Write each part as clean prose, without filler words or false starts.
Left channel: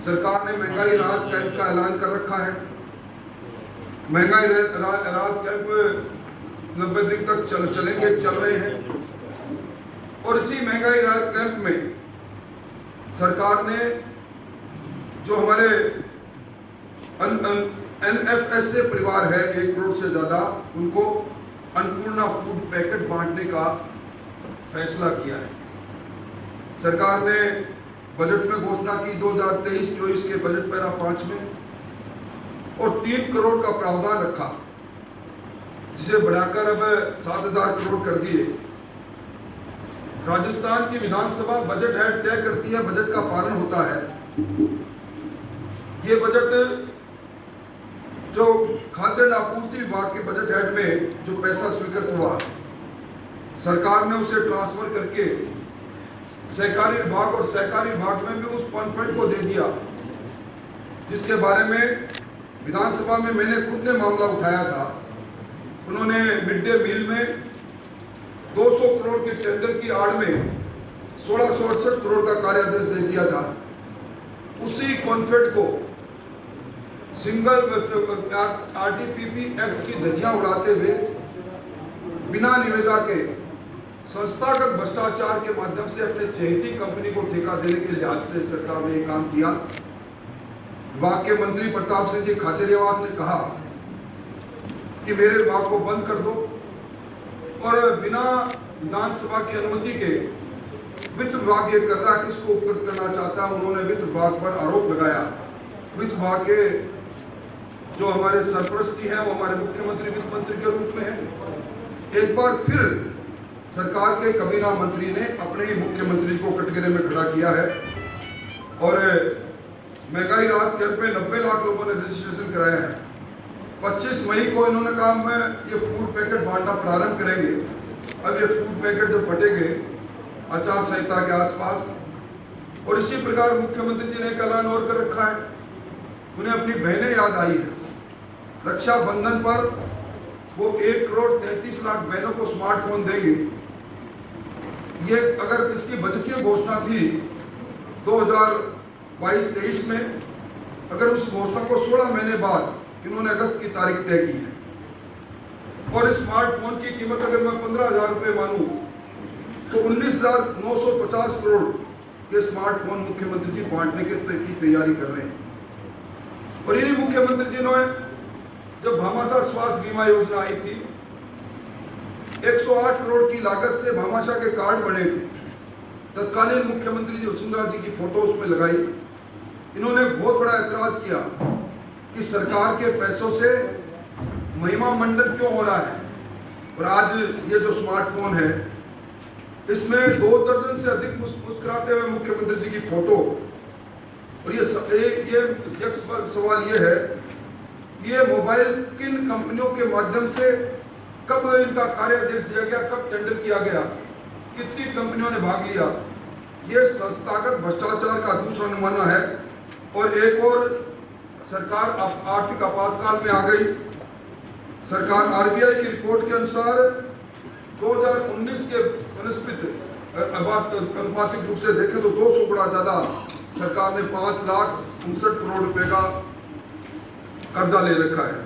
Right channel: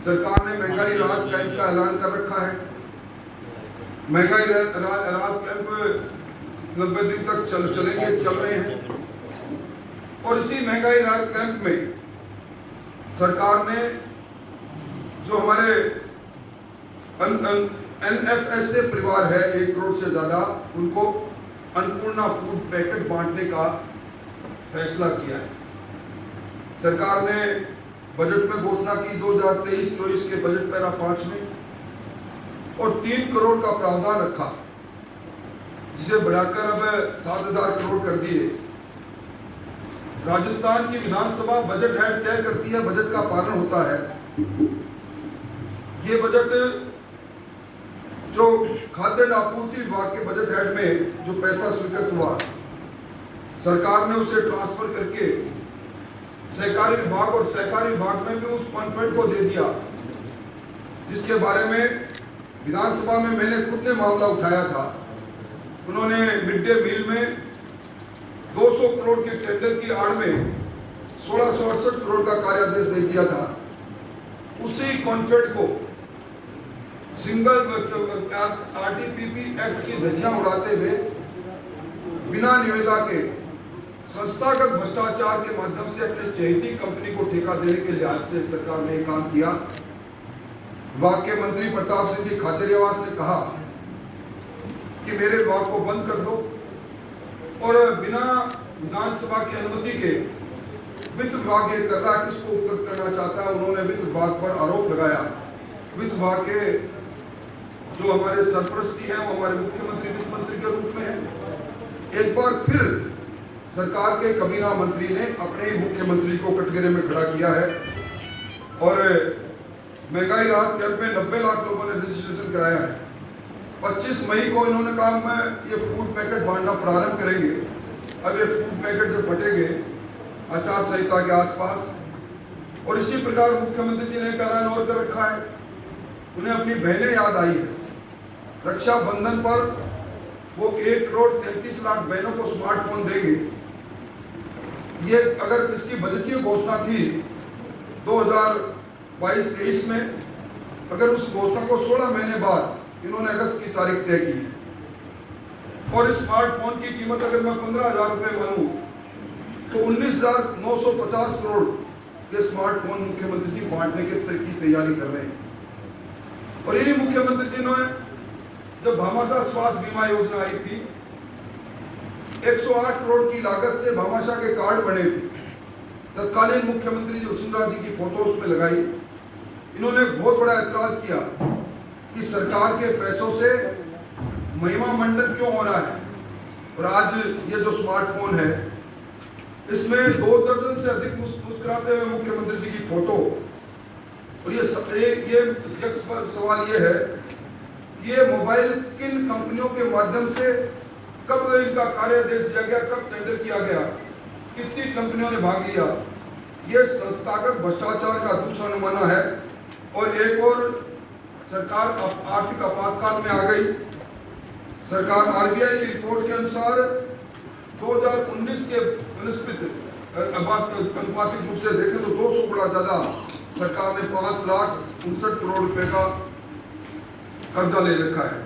सरकार ने महंगाई राहत कैंप का ऐलान कर रखा है। महंगाई राहत कैंप 90 दिन तक चल रहे हैं और इसी महंगाई राहत कैंप में सरकार ने जो हमारे NFSA परिवार है 1 करोड़ से ज़्यादा, उनको अन्नपूर्णा फूड पैकेट बांटने का फैसला किया है। सरकार ने बजट में घोषणा की 2023-24 के बजट पैरा 5 में और 3 करोड़ का प्रावधान रखा, जिसे बढ़ाकर अब 7,000 करोड़ कर दिए। राजस्थान की विधानसभा बजट हेड तय करती है, बजट का पालन होता है। ये बजट जो खाद्य आपूर्ति विभाग के बजट हेड में जो पैसा स्वीकृत हुआ, सरकार ने उसे ट्रांसफर करके सहकारी विभाग और सहकारी विभाग में भी उस कॉन्फ्रेंट को दे दिया, जिसके बारे में विधानसभा में मैंने खुद ने मामला उठाया था। उन्होंने मिड डे मील में 200 करोड़ के टेंडर की आड़ में 1668 करोड़ का कार्यादेश दे दिया था। उसी कॉन्फ्रेंट को सिंगल RTPP एक्ट की धज्जियां उड़ाते हुए बिना निविदा के संस्थागत भ्रष्टाचार के माध्यम से अपने चहेती कंपनी को ठेका देने के लिहाज से सरकार ने काम किया। विभाग के मंत्री प्रताप सिंह जी खाचरियावास ने कहा कि मेरे विभाग को बंद कर दो, और बिना विधानसभा की अनुमति के वित्त विभाग ये कर रहा है, किसको उपकृत करना चाहता है। उन्होंने वित्त विभाग पर आरोप लगाया। वित्त विभाग के जो हमारे सरपरस्ती हैं वो हमारे मुख्यमंत्री वित्त मंत्री के रूप में हैं। एक बार फिर सरकार के कमीना मंत्री ने अपने ही मुख्यमंत्री को कटघरे में खड़ा किया है और महंगाई राहत कैंप में 90 लाख लोगों ने रजिस्ट्रेशन कराया है। 25 मई को इन्होंने कहा मैं ये फूड पैकेट बांटना प्रारंभ करेंगे। अब ये फूड पैकेट जब बटेंगे आचार संहिता के आसपास, और इसी प्रकार मुख्यमंत्री जी ने एक ऐलान और कर रखा है। उन्हें अपनी बहनें याद आई है। रक्षाबंधन पर वो 1 करोड़ 33 लाख बहनों को स्मार्टफोन देंगे। ये अगर इसकी बजटीय घोषणा थी 2022-23 में, अगर उस घोषणा को 16 महीने बाद इन्होंने अगस्त की तारीख तय की है, और इस स्मार्टफोन की कीमत अगर मैं 15,000 रुपये मानूं तो 19,950 करोड़ के स्मार्टफोन मुख्यमंत्री जी बांटने की तैयारी कर रहे हैं। और इन्हीं मुख्यमंत्री जी ने जब भामाशाह स्वास्थ्य बीमा योजना आई थी, 108 करोड़ की लागत से भामाशाह के कार्ड बने थे। तत्कालीन मुख्यमंत्री जी वसुंधरा जी की फोटो उसमें लगाई। इन्होंने बहुत बड़ा ऐतराज किया कि सरकार के पैसों से महिमा मंडन क्यों हो रहा है। और आज ये जो स्मार्टफोन है, इसमें 2 दर्जन से अधिक मुस्कुराते हुए मुख्यमंत्री जी की फोटो। और ये सवाल ये है कि ये मोबाइल किन कंपनियों के माध्यम से कब इनका कार्यादेश दिया गया, कब टेंडर किया गया, कितनी कंपनियों ने भाग लिया। ये संस्थागत भ्रष्टाचार का दूसरा नमूना है। और एक और सरकार आर्थिक आपातकाल में आ गई। सरकार RBI की रिपोर्ट के अनुसार 2019 के अनुपातिक रूप से देखें तो 200 गुना ज्यादा सरकार ने 5,59,00,000 करोड़ रुपए का कर्जा ले रखा है।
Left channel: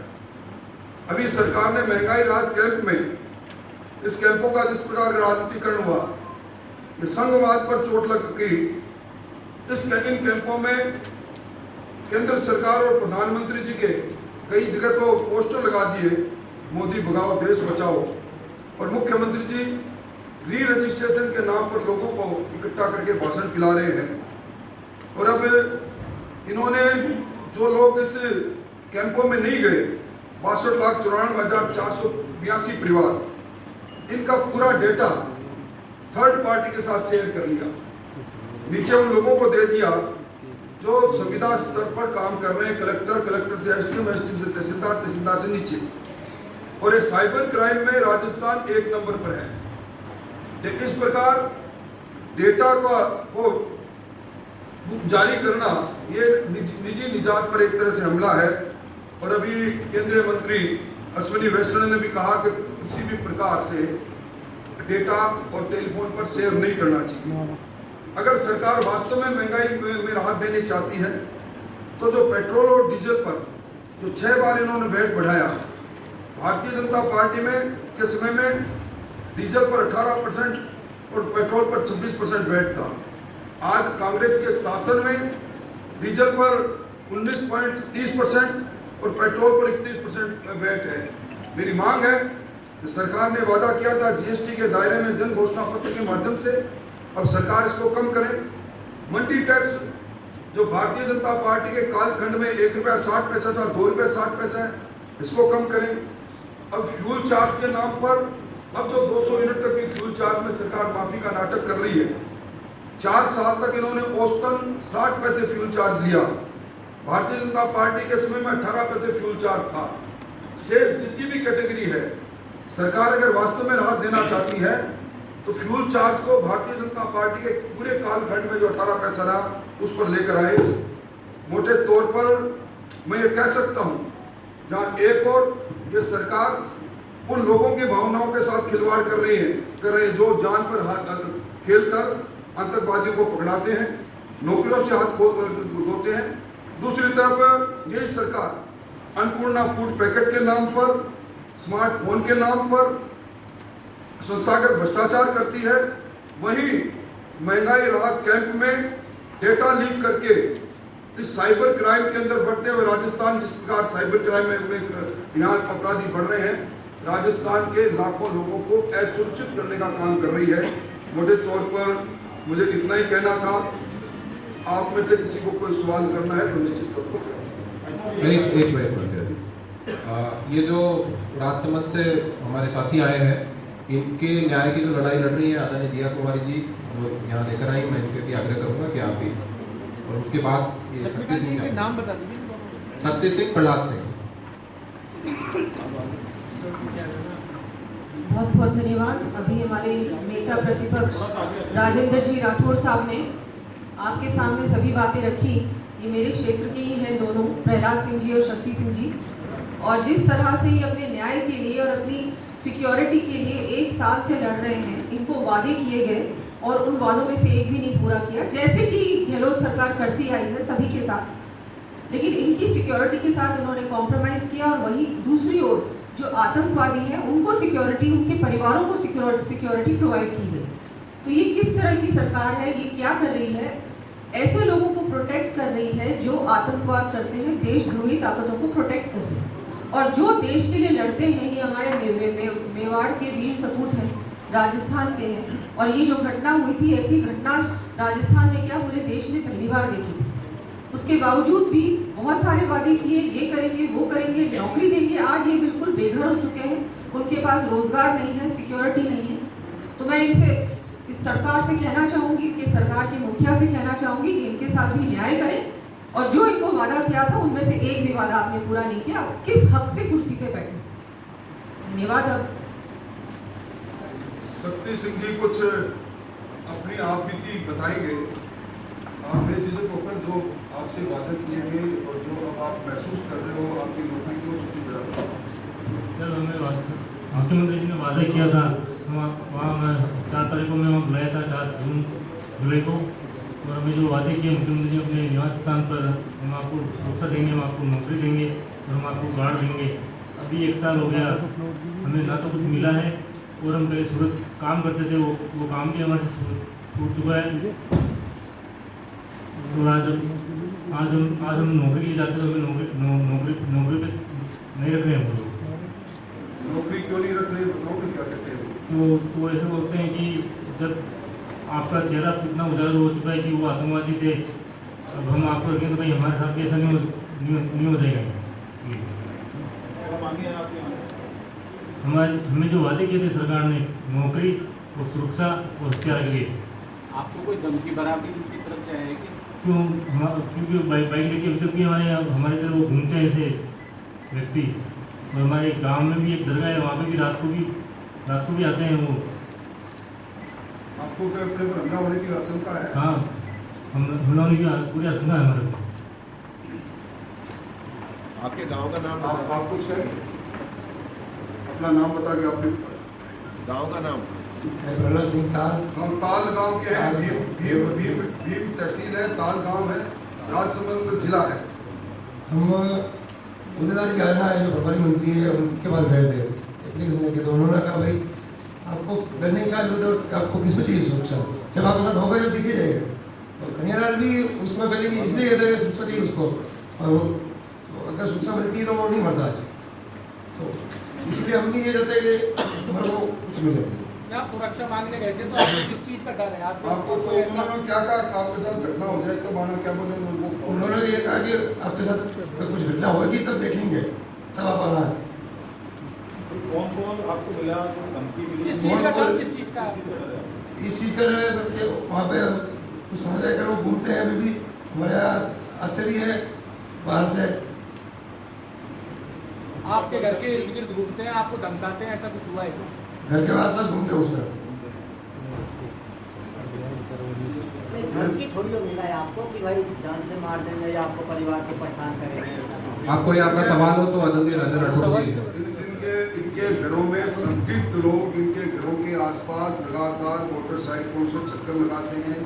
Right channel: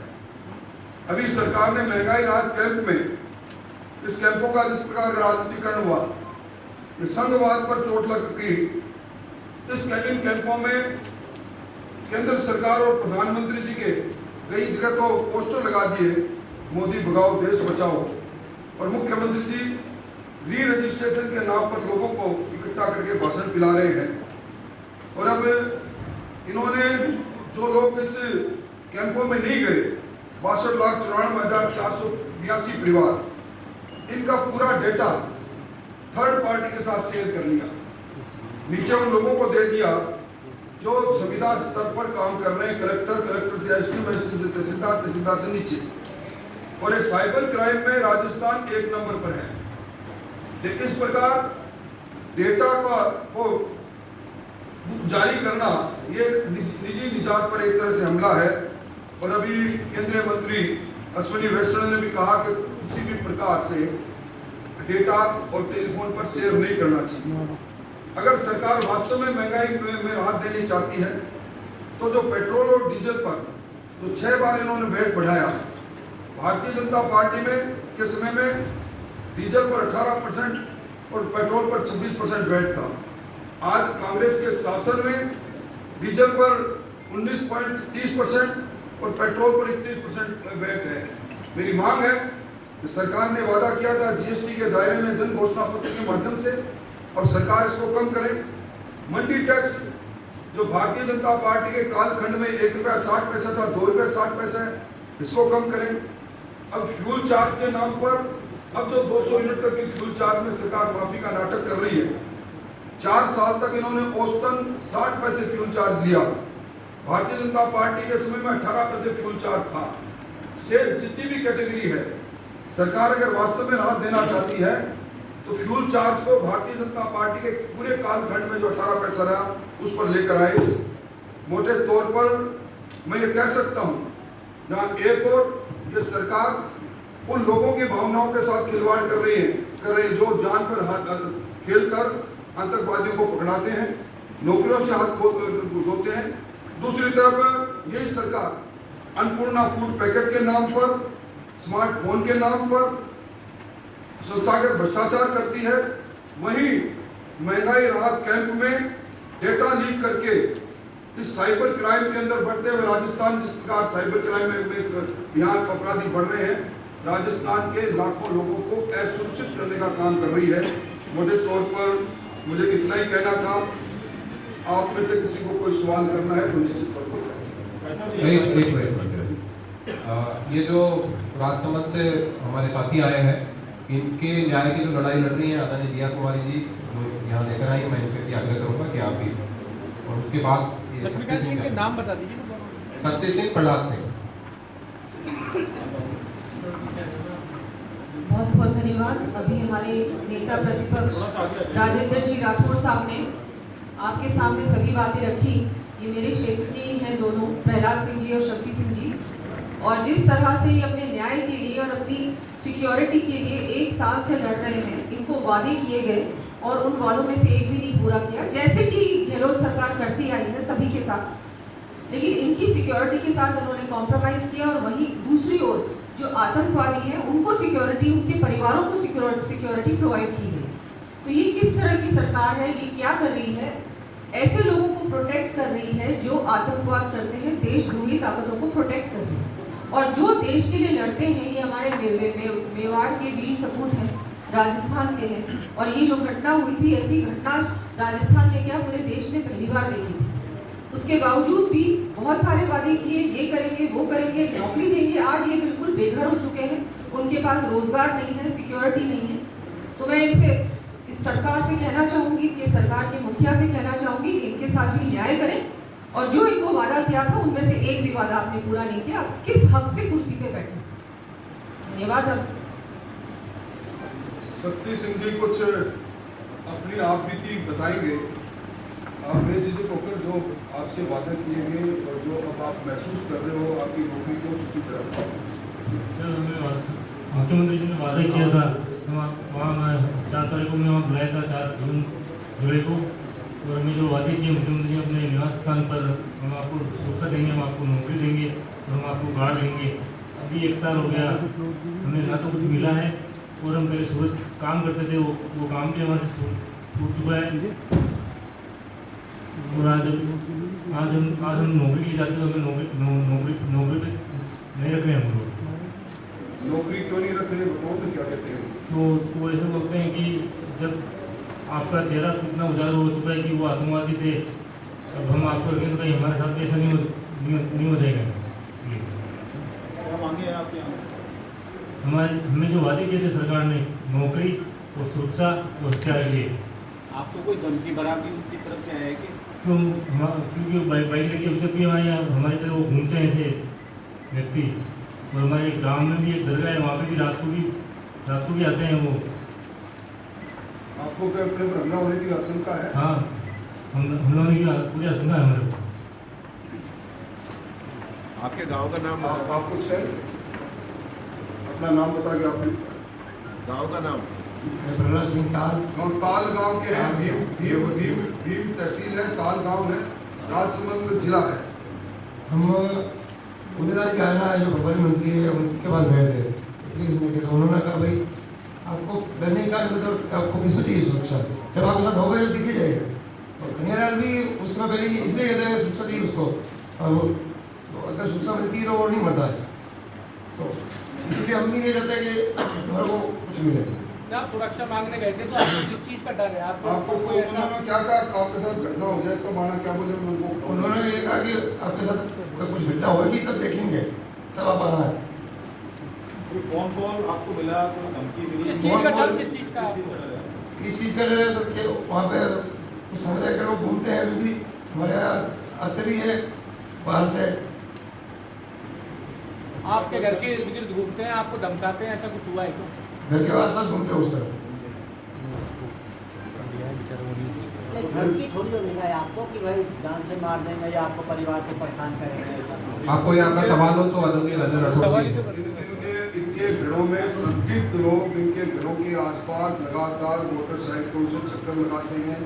अभी सरकार ने महंगाई राहत कैंप में इस कैंपों का जिस प्रकार राजनीतिकरण हुआ, ये संघवाद पर चोट लग गई। इन कैंपों में केंद्र सरकार और प्रधानमंत्री जी के कई जगह तो पोस्टर लगा दिए, मोदी भगाओ देश बचाओ, और मुख्यमंत्री जी री रजिस्ट्रेशन के नाम पर लोगों को इकट्ठा करके भाषण पिला रहे हैं। और अब इन्होंने जो लोग इस कैंपों में नहीं गए, 62,94,482 परिवार, इनका पूरा डेटा थर्ड पार्टी के साथ शेयर कर लिया। नीचे उन लोगों को दे दिया जो संविदा स्तर पर काम कर रहे हैं, कलेक्टर से SDM से तहसीलदार से नीचे। और ये साइबर क्राइम में राजस्थान 1 नंबर पर है। इस प्रकार डेटा का को जारी करना ये निजी निजात पर एक तरह से हमला है। और अभी केंद्रीय मंत्री अश्विनी वैष्णव ने भी कहा कि किसी भी प्रकार से डेटा और टेलीफोन पर शेयर नहीं करना चाहिए। अगर सरकार वास्तव में महंगाई में राहत देनी चाहती है तो जो पेट्रोल और डीजल पर जो 6 बार इन्होंने वैट बढ़ाया, भारतीय जनता पार्टी में के समय में डीजल पर 18% और पेट्रोल पर 26% वैट था। आज कांग्रेस के शासन में डीजल पर 19.30% और पेट्रोल पर 31% वैट है। मेरी मांग है कि सरकार ने वादा किया था जीएसटी के दायरे में जन घोषणा पत्र के माध्यम से, अब सरकार इसको कम करे। मंडी टैक्स जो भारतीय जनता पार्टी के कालखंड में ₹1.60 था, ₹2.60 है, इसको कम करें। अब फ्यूल चार्ज के नाम पर अब जो 200 यूनिट तक की फ्यूल चार्ज में सरकार माफी का नाटक कर रही है। 4 साल तक इन्होंने औसतन 60 पैसे फ्यूल चार्ज लिया। भारतीय जनता पार्टी के समय में 18 पैसे फ्यूल चार्ज था। शेष जितनी भी कैटेगरी है, सरकार अगर वास्तव में राहत देना चाहती है तो फ्यूल चार्ज को भारतीय जनता पार्टी के पूरे कालखंड में जो 18 पैसा रहा उस पर लेकर आए। मोटे तौर पर मैं ये कह सकता हूँ, जहाँ एक और ये सरकार उन लोगों की भावनाओं के साथ खिलवाड़ कर रही है जो जान पर खेलकर आतंकवादियों को पकड़ाते हैं, नौकरियों से हाथ धोते हैं। दूसरी तरफ ये सरकार अन्नपूर्णा फूड पैकेट के नाम पर, स्मार्टफोन के नाम पर संस्थागत भ्रष्टाचार करती है। वहीं महंगाई राहत कैंप में डेटा लीक करके इस साइबर क्राइम के अंदर बढ़ते हुए राजस्थान, जिस प्रकार साइबर क्राइम में यहाँ अपराधी बढ़ रहे हैं, राजस्थान के लाखों लोगों को असुरक्षित करने का काम कर रही है। मोटे तौर पर मुझे इतना ही कहना था। आप में से किसी को कोई सवाल करना है तो निश्चित तौर पर करें। ये जो राजसमंद से हमारे साथी आए हैं, इनके न्याय की जो लड़ाई लड़ रही है आदरणीय दिया कुमारी जी, वो यहाँ लेकर आई। मैं इनके भी आग्रह करूँगा कि आप भी, और उसके बाद ये शक्ति सिंह का नाम बता दीजिए। शक्ति सिंह, प्रहलाद सिंह। बहुत बहुत धन्यवाद। अभी हमारे नेता प्रतिपक्ष राजेंद्र जी राठौड़ साहब ने आपके सामने सभी बातें रखी। ये मेरे क्षेत्र के ही हैं दोनों, प्रहलाद सिंह जी और शक्ति सिंह जी। और जिस तरह से ये अपने न्याय के लिए और अपनी सिक्योरिटी के लिए 1 साल से लड़ रहे हैं, इनको वादे किए गए और उन वादों में से एक भी नहीं पूरा किया, जैसे कि गहलोत सरकार करती आई है सभी के साथ। लेकिन इनकी सिक्योरिटी के साथ उन्होंने कॉम्प्रोमाइज़ किया। और वहीं दूसरी ओर जो आतंकवादी हैं उनको सिक्योरिटी, उनके परिवारों को सिक्योरिटी प्रोवाइड की गई। तो ये किस तरह की सरकार है? ये क्या कर रही है? ऐसे लोगों को प्रोटेक्ट कर रही है जो आतंकवाद करते हैं, देशद्रोही ताकतों को प्रोटेक्ट कर रही है। और जो देश के लिए लड़ते हैं, ये हमारे मेवाड़ के वीर सपूत हैं, राजस्थान के हैं। और ये जो घटना हुई थी, ऐसी घटना राजस्थान में क्या पूरे देश ने पहली बार देखी थी। उसके बावजूद भी बहुत सारे वादे किए, ये करेंगे, वो करेंगे, नौकरी देंगे। आज ये बिल्कुल बेघर हो चुके हैं, उनके पास रोजगार नहीं है, सिक्योरिटी नहीं है। तो मैं इनसे, इस सरकार से कहना चाहूँगी, कि सरकार के मुखिया से कहना चाहूँगी कि इनके साथ भी न्याय करें। और जो इनको वादा किया था उनमें से एक भी वादा आपने पूरा नहीं किया। आप किस हक से कुर्सी पे बैठे? धन्यवाद। शक्ति सिंह जी कुछ अपनी आप बीती बताएंगे। आप बेझिझक होकर जो आपसे वादे किए गए और जो अब आप महसूस कर रहे हो, आपकी नौकरी को छुट्टी करा। सर, हमें मुख्यमंत्री जी ने वादा किया था, वहाँ 4 तारीख को मैं वहाँ बुलाया था, 4 जुलाई को। और हमें जो वादे किए मुख्यमंत्री जी अपने निवास स्थान पर, हम आपको सुरक्षा देंगे, हम आपको नौकरी देंगे और हम आपको गार्ड देंगे। अभी 1 साल हो गया, हमें ना तो कुछ मिला है, और हम पहले सूरत काम करते थे, वो काम भी हमारे से छूट चुका है। और आज हम नौकरी के लिए जाते तो हमें नौकरी पे नहीं रख रहे हैं हम लोग। नौकरी क्यों नहीं रख रहे, बताओ तो क्या कहते हैं? तो वो ऐसे बोलते हैं कि जब आपका चेहरा इतना उजागर हो चुका है कि वो आतंकवादी थे, अब हम आपको रखें तो कहीं हमारे साथ भी ऐसा नहीं हो जाएगा। इसलिए हमें जो वादे किए थे सरकार ने, नौकरी और सुरक्षा और हथियार के लिए, आपको कोई धमकी बराबरी उनकी तरफ से आया कि क्योंकि बाइक लेके अब तक भी हमारे तरह वो घूमते हैं ऐसे व्यक्ति। और हमारे गांव में भी एक दरगाह है, वहाँ पे भी रात को भी आते हैं वो। आपको क्या अपने पर हमला होने की आशंका है? हाँ, हमला होने की पूरी आशंका है हमारे। आपके गांव का नाम आप कुछ कहें? अपना नाम बता के आपने गांव का नाम? प्रहलाद सिंह ताल। हम ताल गांव के हैं। भीम तहसील है, ताल गांव है, राजसमंद जिला है। हम उदयलाल जी आना जो प्रभारी मंत्री है उनके पास गए थे एप्लीकेशन के, तो उन्होंने कहा भाई आपको लर्निंग कार्ड मतलब आपको किस में चाहिए सुरक्षा, जब आपके साथ होगा जब दिखी जाएगा। और कन्हैयालाल भी उस समय पहले इसलिए कहते हैं सुरक्षा चाहिए उसको, और तो अगर सुरक्षा मिलती है तो वो नहीं मरता आज, तो इसलिए हम भी ये चाहते हैं कि हमारे को कुछ मिले। आप सुरक्षा मांगने गए थे तो आपको किस चीज का डर है? आपको उन्होंने क्या कहा आपके साथ घटना हो जाए तब आना, क्या बोले उनको? उन्होंने ये कहा कि आपके साथ कुछ घटना होगी तब देखेंगे, तब आप आना है। फोन कॉल आपको मिला, धमकी मिली? किस चीज का डर, किस चीज का आपको? इस चीज़ का डर है सर कि वहाँ पे कुछ समुदाय के लोग बोलते हैं, अभी भी हमारे यहाँ आते भी हैं बाहर से। आपके घर के इर्द गिर्द घूमते हैं, आपको धमकाते हैं, ऐसा कुछ हुआ है क्या? घर के आसपास घूमते हो सर। धमकी थोड़ी हो मिला है आपको कि भाई जान से मार देंगे या आपको परिवार को परेशान करेंगे? आपको ये आपका सवाल हो तो आदरणीय राजेंद्र राठौर जी। इनके घरों में संदिग्ध लोग इनके घरों के आसपास लगातार मोटरसाइकिलों से चक्कर लगाते हैं।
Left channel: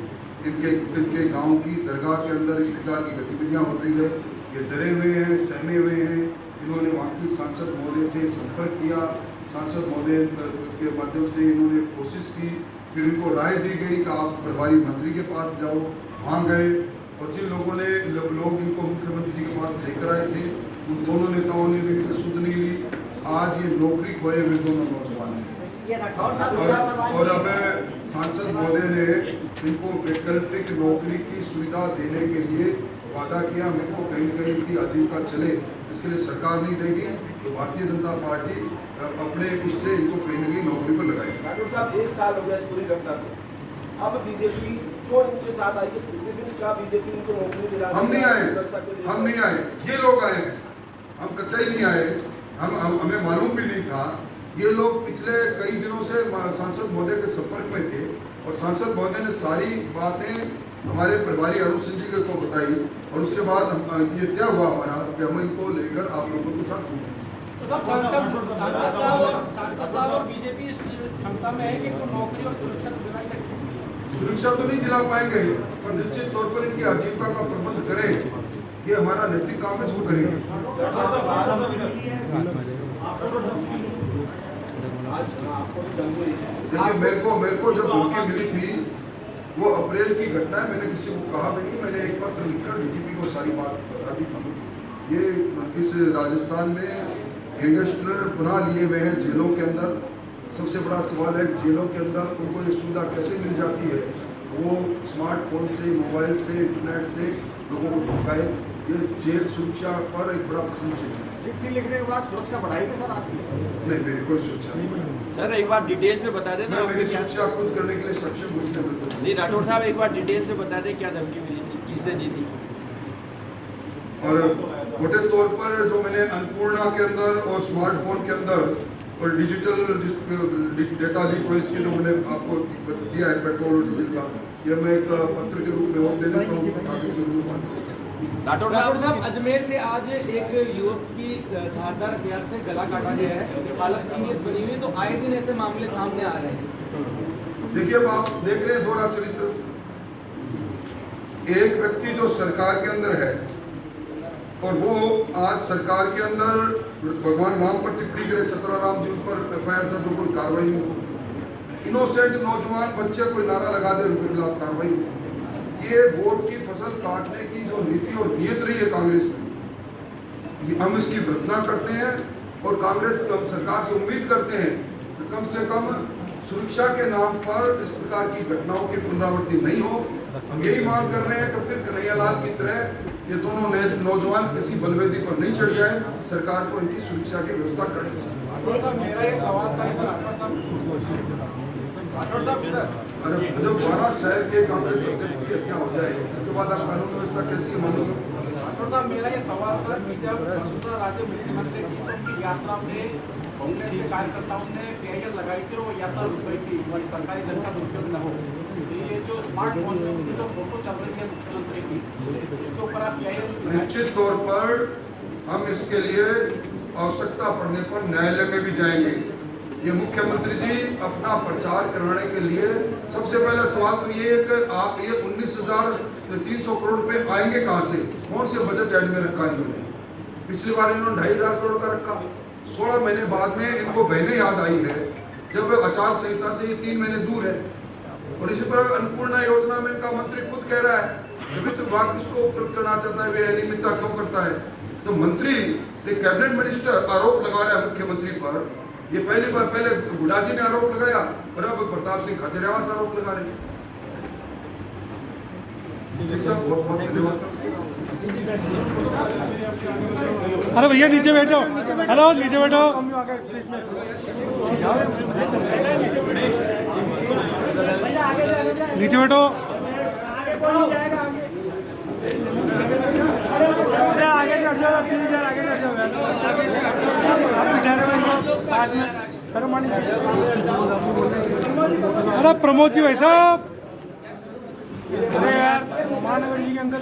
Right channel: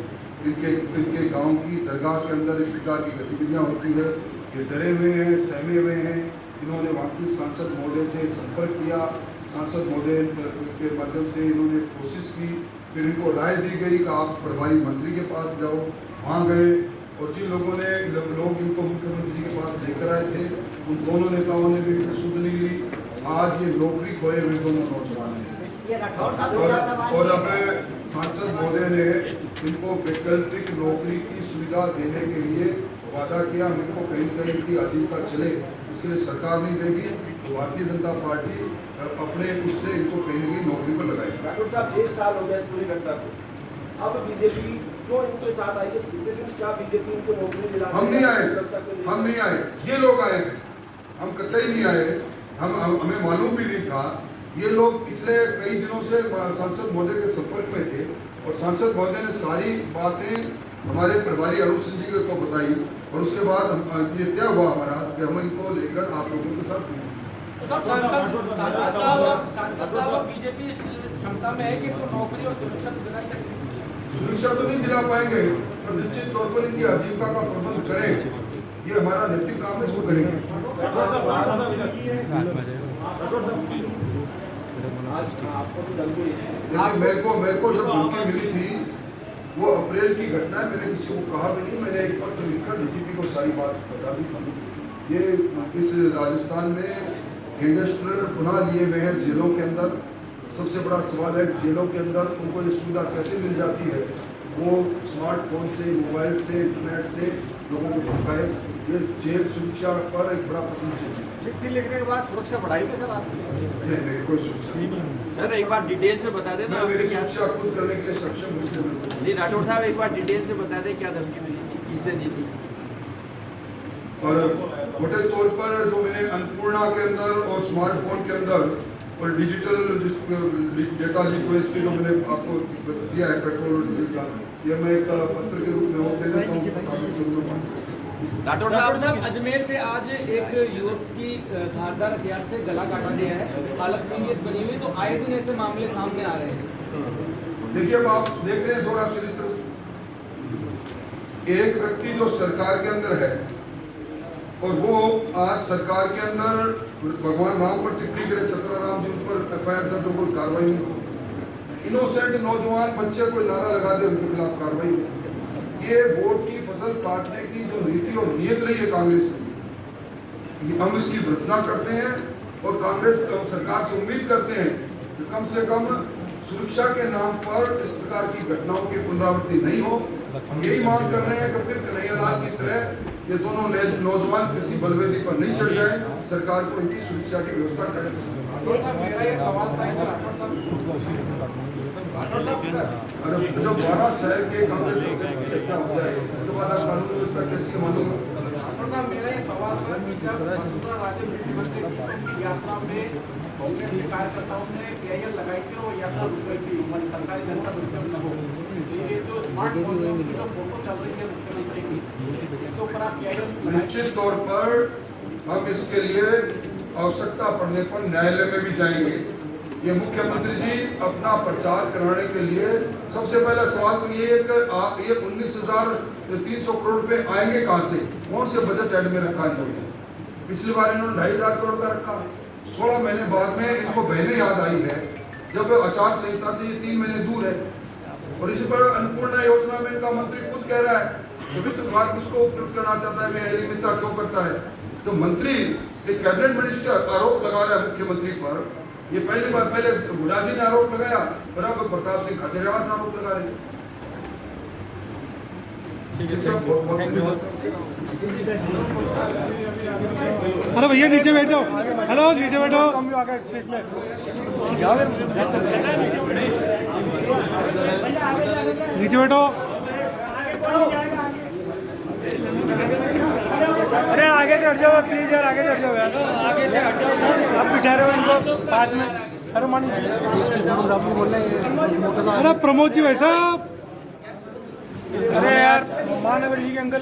इनके गांव की दरगाह के अंदर इस प्रकार की गतिविधियां हो रही है। ये डरे हुए हैं, सहमे हुए हैं। इन्होंने वहाँ की सांसद महोदय से संपर्क किया, सांसद महोदय के माध्यम से इन्होंने कोशिश की, फिर इनको राय दी गई कि आप प्रभारी मंत्री के पास जाओ। वहाँ गए और जिन लोगों ने लोग इनको मुख्यमंत्री जी के पास लेकर आए थे उन दोनों नेताओं ने भी इनकी सुध नहीं ली। आज ये नौकरी खोए हुए दोनों नौजवान हैं और अब सांसद महोदय ने इनको वैकल्पिक नौकरी की सुविधा देने के लिए वादा किया। हम इनको कहीं न कहीं इनकी आजीविका चले इसके लिए सरकार नहीं देगी, तो भारतीय जनता पार्टी अपने उससे इनको कहीं न कहीं नौकरी पर लगाएगी। डॉक्टर साहब 1 साल हो गया इस पूरी घटना को, अब बीजेपी क्यों इनके साथ आई है? क्या बीजेपी इनको नौकरी दिला? हम नहीं आए, ये लोग आए, हम कतई नहीं आए। हमें मालूम भी नहीं था। ये लोग पिछले कई दिनों से सांसद महोदय के संपर्क में थे और सांसद महोदय ने सारी बातें हमारे प्रभारी अरुण सिंह जी को बताई और उसके बाद ये तय हुआ हमारा कि हम इनको लेकर आप लोगों के साथ सांसद साहब और बीजेपी इस क्षमता में है कि नौकरी और सुरक्षा दिला सकते। सुरक्षा तो नहीं दिला पाएंगे पर निश्चित तौर पर इनकी आजीविका का प्रबंध करें, ये हमारा नैतिक काम है, इसको करेंगे। देखिए मेरे को जब धमकी मिली थी वो अप्रैल की घटना है। मैंने किसी को कहा भी नहीं, मैंने एक पत्र लिखकर डीजीपी को सारी बात बता दी थी। ये इस राजस्थान में गैंगस्टर पुनः लिए हुए हैं जेलों के अंदर। सबसे बड़ा सवाल है जेलों के अंदर उनको ये सुविधा कैसे मिल जाती है? वो स्मार्टफोन से, मोबाइल से, इंटरनेट से लोगों को धमकाए। ये जेल सुरक्षा पर एक बड़ा प्रश्न चिन्ह है। चिट्ठी लिखने के बाद सुरक्षा बढ़ाएगी सर आप? नहीं, मेरी कोई सुरक्षा नहीं। सर एक बार डिटेल से बता दें ना, मेरी सुरक्षा खुद करने के लिए सक्षम हूँ। नहीं राठौर साहब एक बार डिटेल से बता दें क्या धमकी मिली थी, किसने दी थी? और मोटे तौर पर जो मैंने अन्नपूर्णा के अंदर और स्मार्टफोन के अंदर और डिजिटल डेटा लीक हुए इसके जो मैंने आपको दिया है पेट्रोल डीजल का, ये मैं एक पत्र के रूप में वो दे देता हूँ, कागज के रूप में। राठौर साहब अजमेर से आज एक युवक की धारदार हथियार से गला काटा गया है, हालत सीरियस बनी हुई, तो आए दिन ऐसे मामले सामने आ रहे हैं। देखिए अब आप देख रहे हैं दोहरा चरित्र। एक व्यक्ति जो सरकार के अंदर है और वो आज सरकार के अंदर भगवान राम पर टिप्पणी करे, चतरा राम जी उन पर एफआईआर दर्ज हो, कोई कार्रवाई नहीं। इनोसेंट नौजवान बच्चे कोई नारा लगा दे उनके खिलाफ कार्रवाई। ये वोट की फसल काटने की जो नीति और नीयत रही है कांग्रेस की, ये हम इसकी भर्त्सना करते हैं और कांग्रेस सरकार से उम्मीद करते हैं कि कम से कम सुरक्षा के नाम पर इस प्रकार की घटनाओं की पुनरावृत्ति नहीं हो। हम यही मांग कर रहे हैं कि फिर कन्हैयालाल की तरह ये दोनों नौजवान किसी बलवेदी पर नहीं चढ़ जाए। सरकार को इनकी सुरक्षा की व्यवस्था करनी चाहिए। अरे जब बड़ा शहर के कांग्रेस अध्यक्ष की हत्या हो जाए उसके बाद आप कानून व्यवस्था कैसे मानोगे? मेरा ये सवाल था कि जब वसुंधरा राजे मुख्यमंत्री थी उनकी यात्रा में कांग्रेस के कार्यकर्ताओं ने बैरियर लगाई थी और यात्रा रुक गई थी, हमारी सरकारी जनता दुरुपयोग न हो। ये जो स्मार्टफोन की जो फोटो चल रही है मुख्यमंत्री की, इसके ऊपर आप बैरियर निश्चित तौर पर हम इसके लिए आवश्यकता पड़ने पर न्यायालय में भी जाएंगे। ये मुख्यमंत्री जी अपना प्रचार कराने के लिए सबसे पहला सवाल तो ये है कि आप ये 19,300 करोड़ रुपए आएंगे कहाँ से? कौन से बजट ऐड में रखा है इन्होंने? पिछली बार इन्होंने 2,500 करोड़ का रखा। 16 महीने बाद में इनको बहने याद आई है जब आचार संहिता से ये 3 महीने दूर है। और इसी पर अन्नपूर्णा योजना में इनका मंत्री खुद कह रहा है कि वित्त विभाग किसको उपकृत करना चाहता है, वे अनियमितता क्यों करता है। जो मंत्री एक कैबिनेट मिनिस्टर आरोप लगा रहा है मुख्यमंत्री पर, ये पहले हुड्डा जी ने आरोप लगाया, फिर अब प्रताप सिंह खाचरियावास आरोप लगा रहे हैं। ठीक साहब, बहुत बहुत धन्यवाद साहब। अरे भैया नीचे बैठो, हेलो नीचे बैठो, नीचे बैठो। अरे आगे से हट जाओ प्लीज यार, आगे से हट जाओ यार, आगे से हट जाओ, आप बिठा रहे हो इनको पास में। अरे मानी, अरे प्रमोद जी भाई साहब, अरे यार महानगर जी के अंदर